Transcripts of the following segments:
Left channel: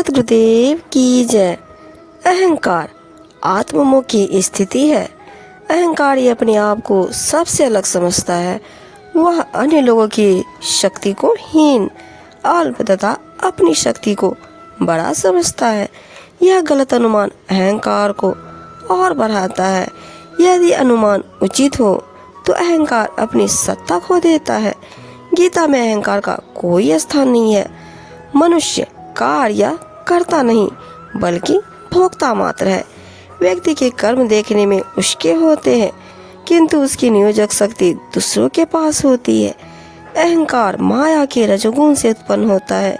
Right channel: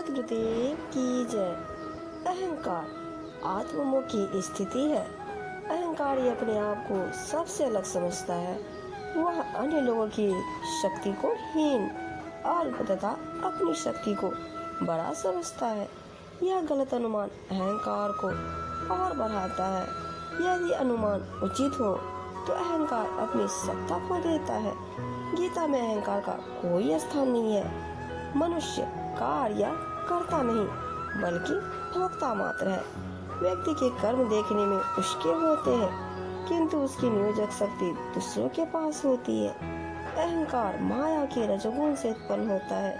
सद्गुरुदेव की जय। अहंकार आत्ममुखी स्थिति है। अहंकार ये अपने आप को सबसे अलग समझता है। वह अन्य लोगों की शक्ति को हीन, अल्प तथा अपनी शक्ति को बड़ा समझता है। यह गलत अनुमान अहंकार को और बढ़ाता है। यदि अनुमान उचित हो तो अहंकार अपनी सत्ता खो देता है। गीता में अहंकार का कोई स्थान नहीं है। मनुष्य कार्य करता नहीं बल्कि भोक्ता मात्र है। व्यक्ति के कर्म देखने में उसके होते हैं किंतु उसकी नियोजक शक्ति दूसरों के पास होती है। अहंकार माया के रजोगुण से उत्पन्न होता है।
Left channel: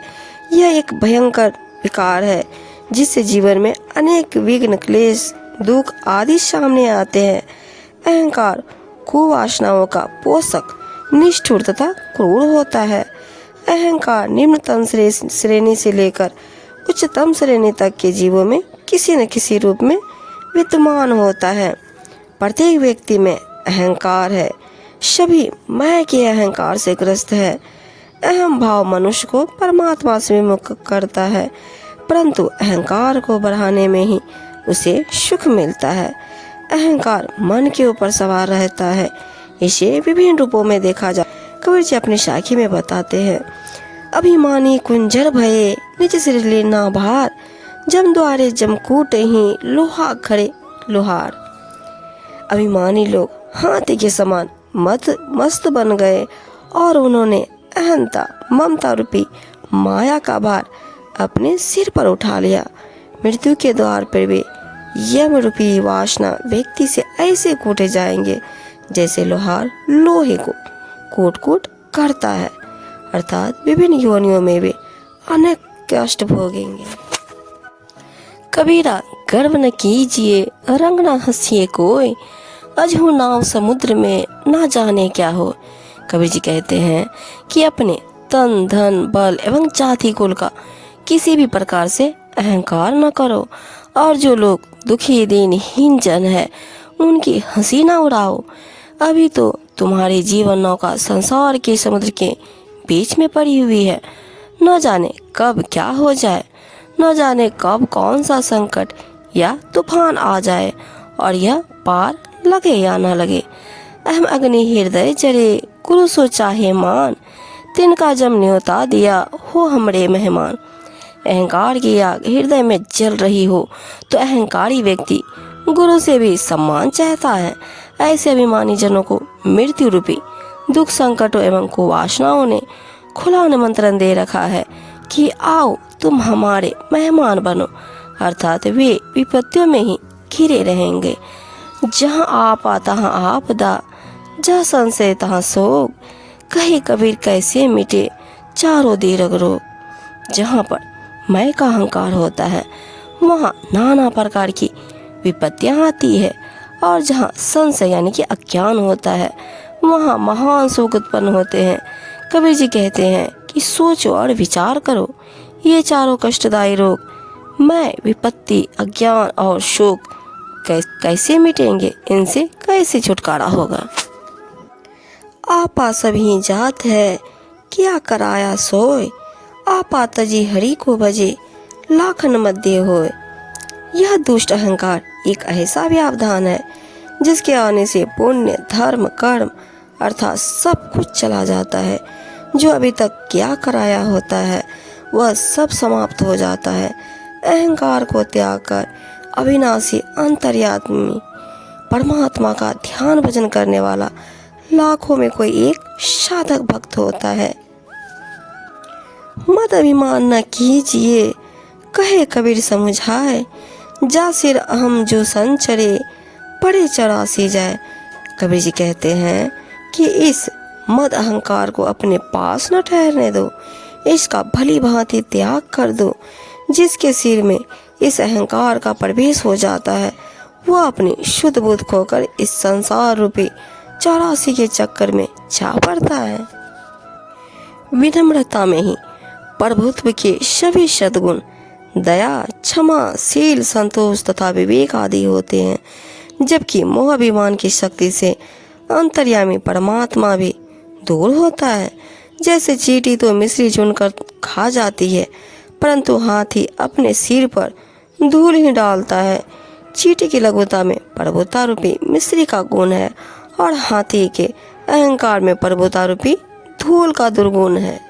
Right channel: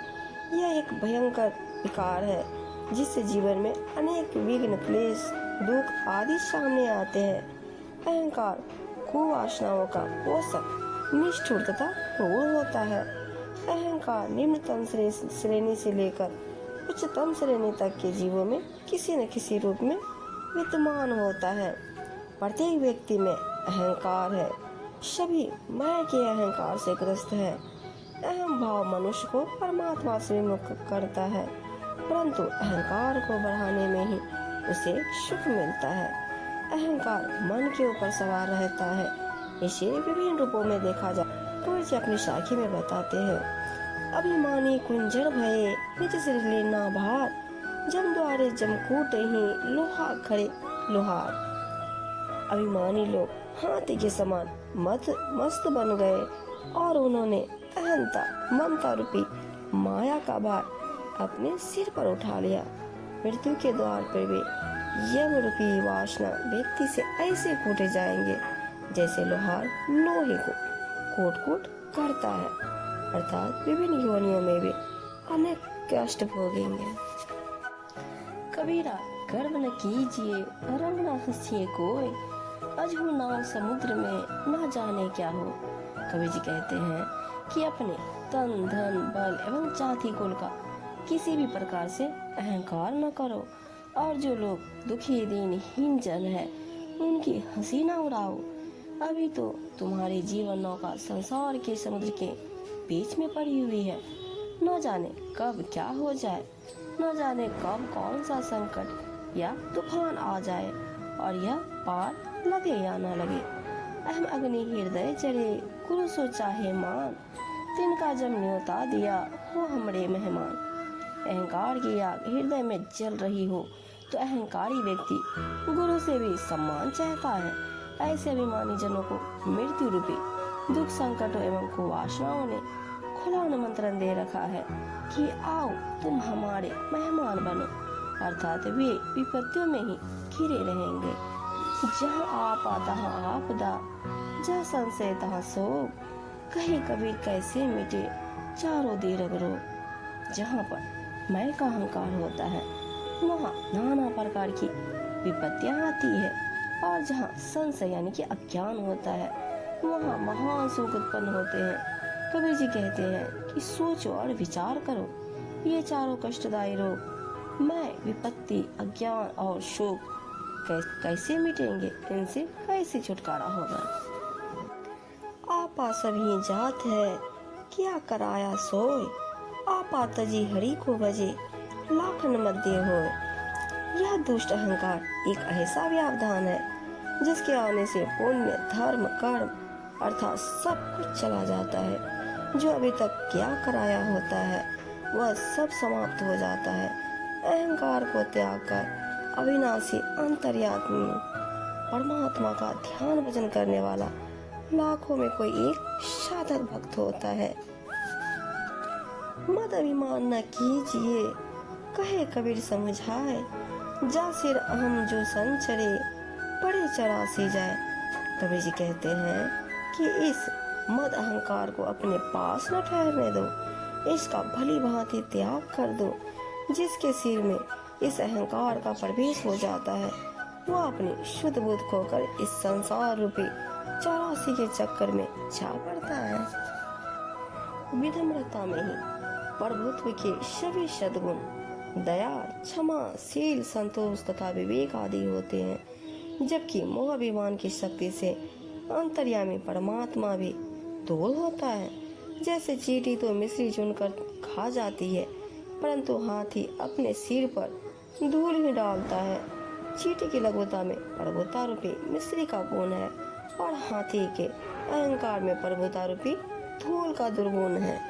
यह एक भयंकर विकार है जिससे जीवन में अनेक विघ्न, क्लेश, दुख आदि सामने आते हैं। अहंकार कुवासनाओं का पोषक, निष्ठुर तथा क्रूर होता है। अहंकार निम्नतम श्रेणी से लेकर उच्चतम श्रेणी तक के जीवों में किसी न किसी रूप में विद्यमान होता है। प्रत्येक व्यक्ति में अहंकार है। सभी मैं के अहंकार से ग्रस्त है। अहम भाव मनुष्य को परमात्मा से विमुख करता है, परंतु अहंकार को बढ़ाने में ही उसे सुख मिलता है। अहंकार मन के ऊपर सवार रहता है। इसे विभिन्न रूपों में देखा जा। कबीर जी अपनी साखी में बताते हैं, अभिमानी कुंजर भये निज सिर लेना भार, जम द्वारे जमकूट ही लोहा खड़े लोहार। अभिमानी लोग हाथी के समान मस्त बन गए और उन्होंने अहंता, ममता रूपी माया का भार अपने सिर पर उठा लिया। मृत्यु के द्वार पर वे यम रूपी वासना व्यक्ति से ऐसे कूटे जाएंगे जैसे लोहार लोहे को कूट करता है, अर्थात विभिन्न योनियों में वे अनेक कष्ट भोगेंगे। कबीरा गर्व न कीजिए, रंग न हंसिए कोई, अजहू नाव समुद्र में ना जाने क्या हो। कबीर जी कहते हैं कि अपने तन, धन, बल एवं जाति कुल का किसी भी प्रकार से अहंकार न करो और जो लोग दुखी दीनहीन जन है उनकी हंसी न उड़ाओ। अभी तो तुम्हारी जीवन नौका संसार के समुद्र के बीच में पड़ी हुई है। न जाने कब क्या हो जाए, न जाने कब कौन सा संकट या तूफान आ जाए और यह पार लगे या न लगे। अहम अग्नि हृदय जरे, गुरु सो चाहे मान, तिनका जम न्योता दिया हो हमरे मेहमान। अहंकार की आग हृदय में जल रही हो तो अहंकारी व्यक्ति गुरु से भी सम्मान चाहता है। ऐसे अभिमानी जनों को मृत्यु रूपी दुख, संकटों एवं कुवासनाओं ने खुला निमंत्रण दे रखा है कि आओ तुम हमारे मेहमान बनो, अर्थात वे विपत्तियों में ही घिरे रहेंगे। जहाँ आपा तहाँ आपदा, जहाँ संशय तहाँ शोक, कहे कबीर कैसे मिटे चारों दीर्घ रोग। जहाँ पर मैं का अहंकार होता है वहाँ नाना प्रकार की विपत्तियाँ आती है और जहाँ संशय यानी कि अज्ञान होता है वहाँ महान सुख उत्पन्न होते हैं। कबीर जी कहते हैं कि सोचो और विचार करो, ये चारों कष्टदायी रोग मैं, विपत्ति, अज्ञान और शोक कैसे मिटेंगे, इनसे कैसे छुटकारा होगा। आपा सभी जात है क्या कराया सोए, आपा तजी हरि को भजे लाखन मध्य होए। यह दुष्ट अहंकार एक ऐसा व्यवधान है जिसके आने से पुण्य, धर्म, कर्म अर्थात सब कुछ चला जाता है। जो अभी तक क्या कराया होता है वह सब समाप्त हो जाता है। अहंकार को त्याग कर अविनाशी अंतर्यामी परमात्मा का ध्यान भजन करने वाला लाखों में कोई एक साधक भक्त होता है। मत अभिमान न कीजिए, कहे कबीर समझाए, जा सिर अहम जो संचरे बड़े चढ़ासी जाए। कबीर जी कहते हैं कि इस मद अहंकार को अपने पास न ठहरने दो, इसका भली भांति त्याग कर दो। जिसके सिर में इस अहंकार का प्रवेश हो जाता है वह अपनी शुद्ध बुद्ध खोकर इस संसार रूपी चौरासी के चक्कर में जा पड़ता है। विनम्रता में ही प्रभुत्व के सभी सद्गुण दया, क्षमा, शील, संतोष तथा विवेक आदि होते हैं, जबकि मोह अभिमान की शक्ति से अंतर्यामी परमात्मा भी दूर होता है। जैसे चींटी तो मिश्री चुनकर खा जाती है, परंतु हाथी अपने सिर पर धूल ही डालता है। चींटी की लघुता में प्रभुता रूपी मिस्री का गुण है और हाथी के अहंकार में प्रभुता रूपी धूल का दुर्गुण है।